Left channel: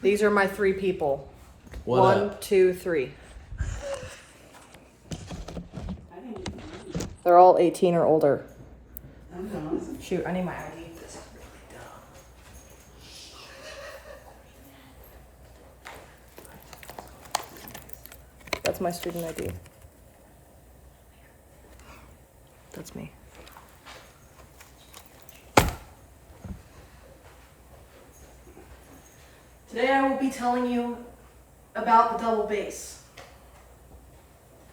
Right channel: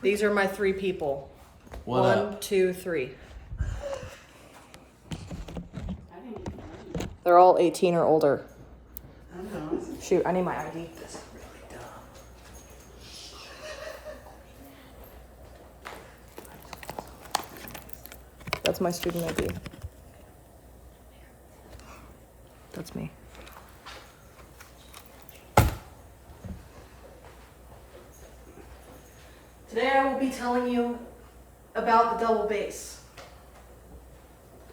These are my three people. What One, up? 2, 3. They're all 18 or older. Shoot, I need my ID. That's my student ID. That's me. Today I will be telling you about the double bass.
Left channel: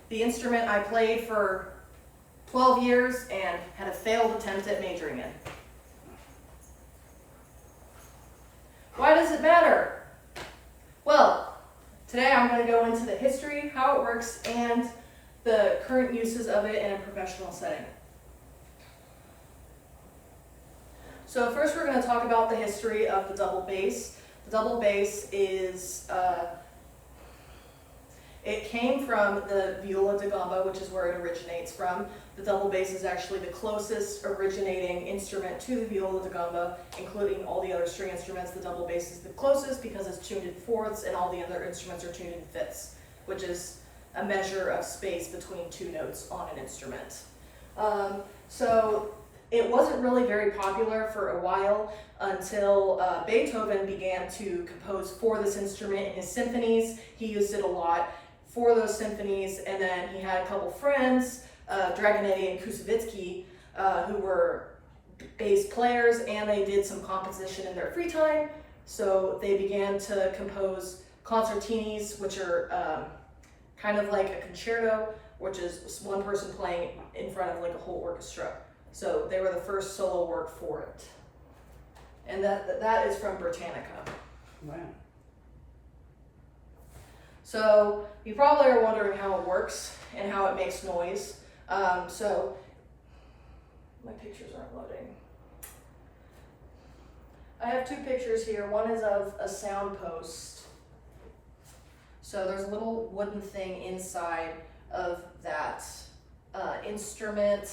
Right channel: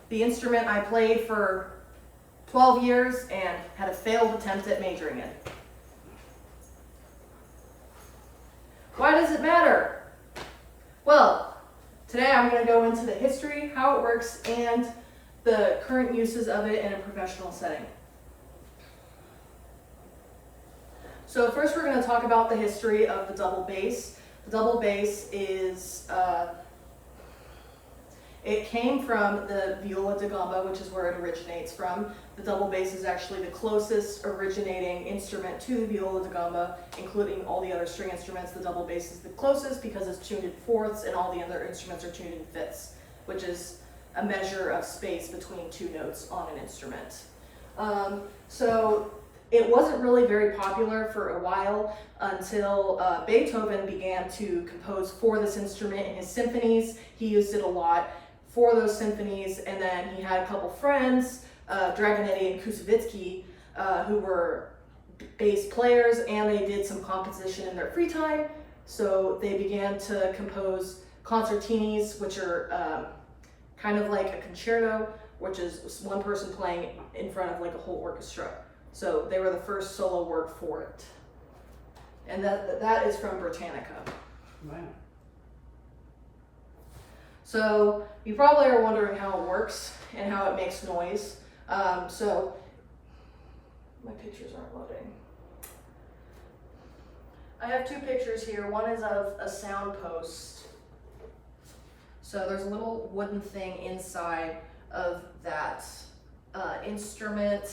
The instrument I played for 12 years and had a failed attempt at majoring in. Why does it matter? Well, today I'm going to go into the history, how it works, and the current uses of it in a professional setting. So first we're going to talk about the history of the double bass. The double bass is, it came from the viola da gamba, which is where it originates from. The double bass is actually the closest originating instrument to the viola da gamba, including all the other string instruments. The double bass is the closest because it's tuned in fourths and all the other instruments are tuned in fifths, which is a measure of space between two notes on an instrument. So it wasn't really very popular for a while until Beethoven began to compose for this instrument in his symphonies. He used it a lot for those symphonies, and then he had a couple friends, Dragonetti and Kusevitsky, who were bass players, and they did some composition in their free time. So they began to compose concertinis, which are kind of like a concerto, which is one person playing in front of like a whole orchestra. So they were the first solo work for it. And that is from Britannica. Wow. So you probably are wondering how it works and how it makes noise. So my pictures aren't loading. I have two pictures here. One is of a sound post. So there's a little wooden thing inside of that instrument,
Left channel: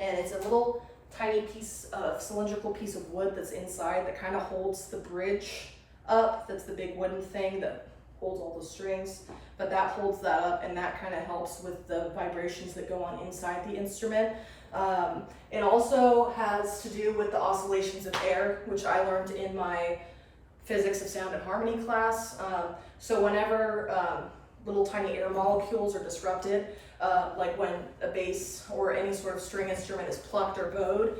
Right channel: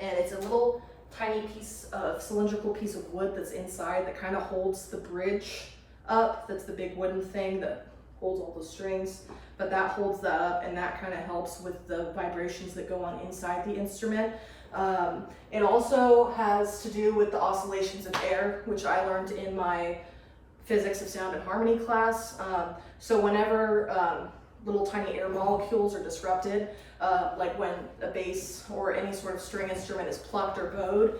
and it's a little tiny piece of cylindrical piece of wood that's inside that kind of holds the bridge up. That's the big wooden thing that holds all the strings, but that holds that up, and that kind of helps with the vibrations that go on inside the instrument. It also has to do with the oscillations of air, which I learned in my physics of sound and harmony class. So whenever little tiny air molecules are disrupted, like when a bass or any sort of string instrument is plucked or bowed,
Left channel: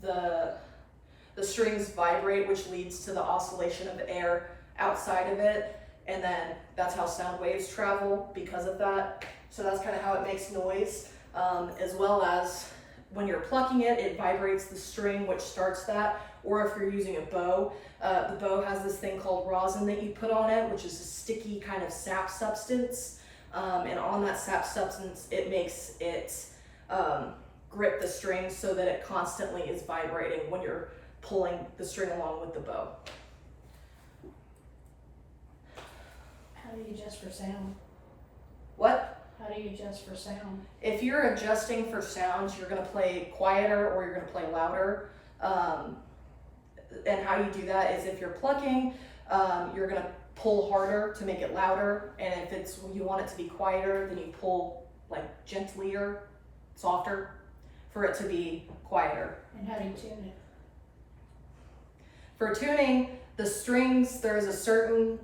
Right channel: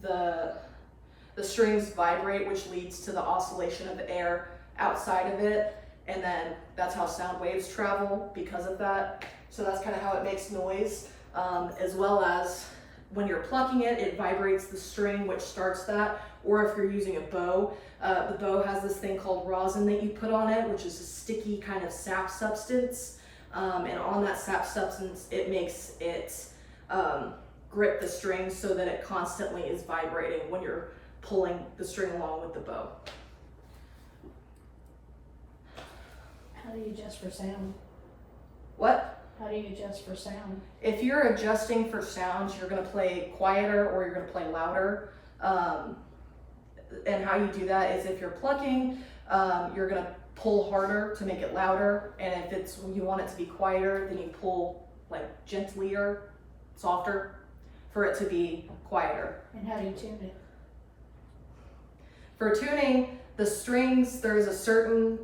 the strings vibrate, which leads to the oscillation of air outside of it, and then that's how sound waves travel because of that. So that's kind of how it makes noise, as well as when you're plucking it, it vibrates the string, which starts that. Or if you're using a bow, the bow has this thing called rosin that you put on it, which is a sticky kind of sap substance. And on that sap substance, it makes it grip the string so that it constantly is vibrating when you're pulling the string along with the bow. How do you adjust for sound? What? How do you adjust for sound? If you're adjusting for sounds, you're going to play quieter or you're going to play louder. And how you do that is if you're plucking, you're going to pull harder to make it louder. And if it's you want it to be quieter, then you pull like gentlier, softer for it to be quieter. And how do you tune it? For tuning the strings, there's a certain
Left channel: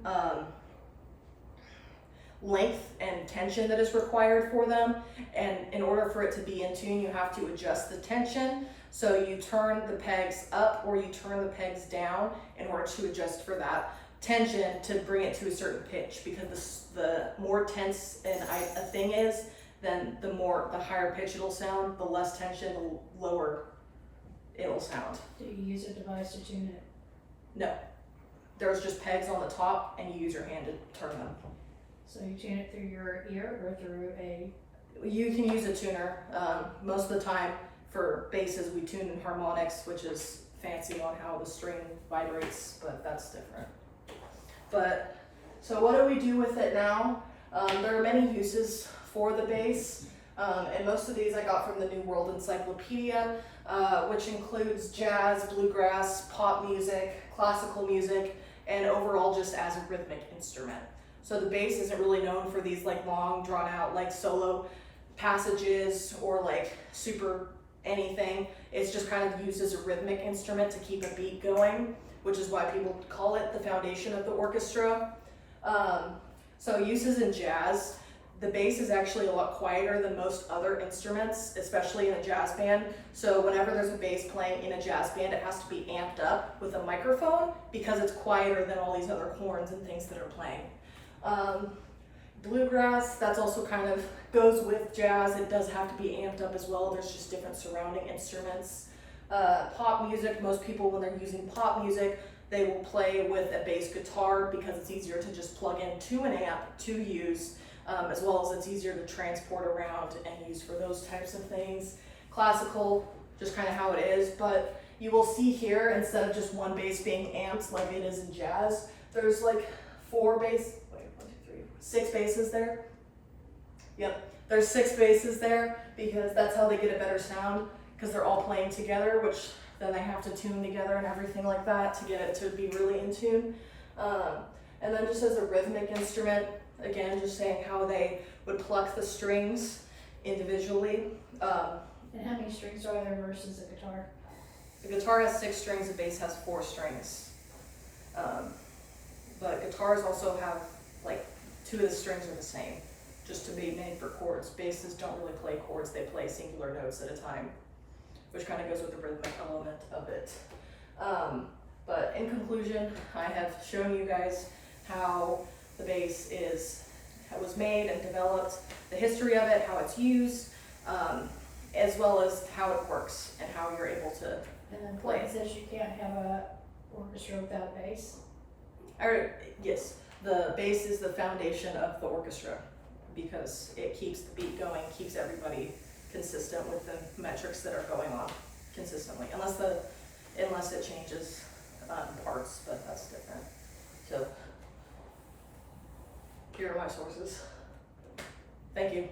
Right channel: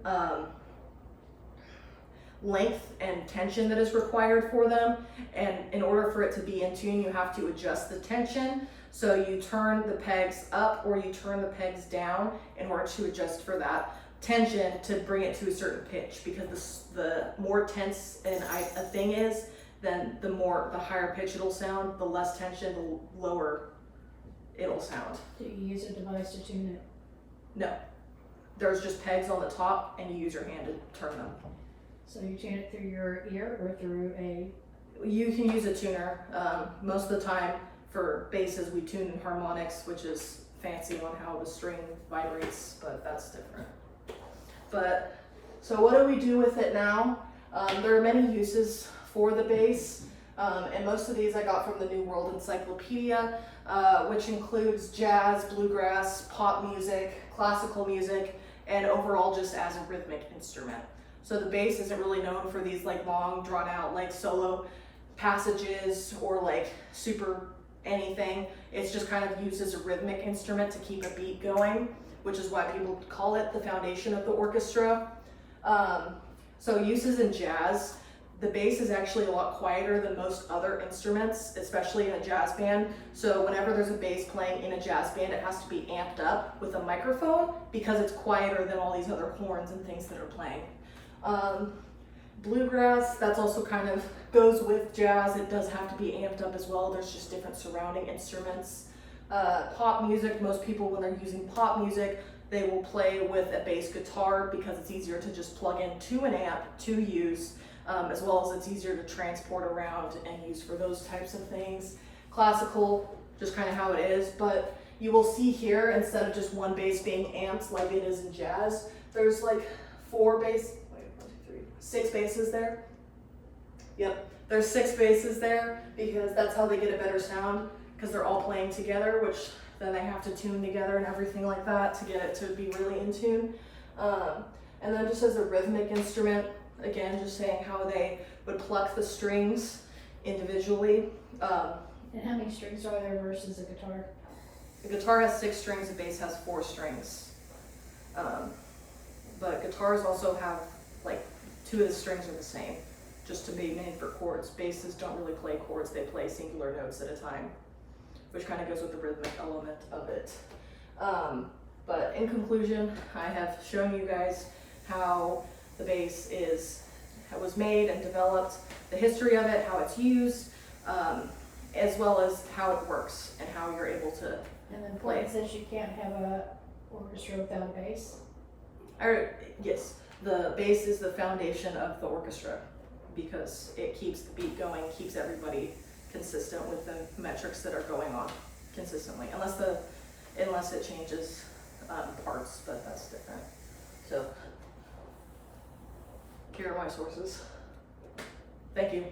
length and tension that is required for them, and in order for it to be in tune, you have to adjust the tension. So you turn the pegs up or you turn the pegs down in order to adjust for that tension to bring it to a certain pitch, because the more tense a thing is, then the higher pitch it'll sound. The less tension, the lower it'll sound. Do you use a device to tune it? No, there's just pegs on the top and you use your hand to turn them. So you tune it through your ear or through a... You can use a tuner. Most of the time for basses we tune in harmonics, which is fancy on how the string vibrates, but that's different. But so what do we do with it now? There are many uses for the bass, and most of these I got from the New World Encyclopedia, which includes jazz, bluegrass, pop music, classical music, and overall just as a rhythmic instrument. So the bass isn't really known for these like long drawn out like solo passages or like super anything. It's just kind of used as a rhythmic instrument to keep a beat going, which is why people call it the foundation of the orchestra. So uses in jazz, the bass is actually a lot quieter than most other instruments, especially in a jazz band. So whenever there's a bass playing in a jazz band, it has to be amped up with a microphone because it's quieter than all these other horns and things that are playing. Bluegrass, that's also kind of goes with jazz. It does have to be amped up as well. There's just different surrounding instruments. Pop music, most people when they're using pop music, they will play with a bass guitar because it's easier to just plug into an amp to use, as well as it's easier to transport around and use for those types of things. Classical, just kind of how it is, but you will see here, instead of just one bass being amped like it is in jazz, there's like six basses there. Yep, there's 6 basses there because that's how they get a better sound, because they're all playing together, which then they have to tune together and everything like that to get it to be really in tune. And then just as a rhythmic instrument, again, just saying how they would pluck the strings individually. And how many strings are there versus a guitar? The guitar has 6 strings, the bass has 4 strings. But guitars also have like 2 of the strings are the same, just to be made for chords. Basses don't really play chords, they play singular notes at a time, which kind of goes with the rhythmic element of it. But in conclusion, I have shown you guys how the bass was made and developed, the history of it, how it's used, as well as how it works and how you're able to And then play Portland says you can't have a orchestra without a bass. Yes, the bass is the foundation of the orchestra because it keeps the beat going, keeps everybody consistent with the metrics that are going on consistently, unless it changes parts, but that's different. So here are my sources. Thank you.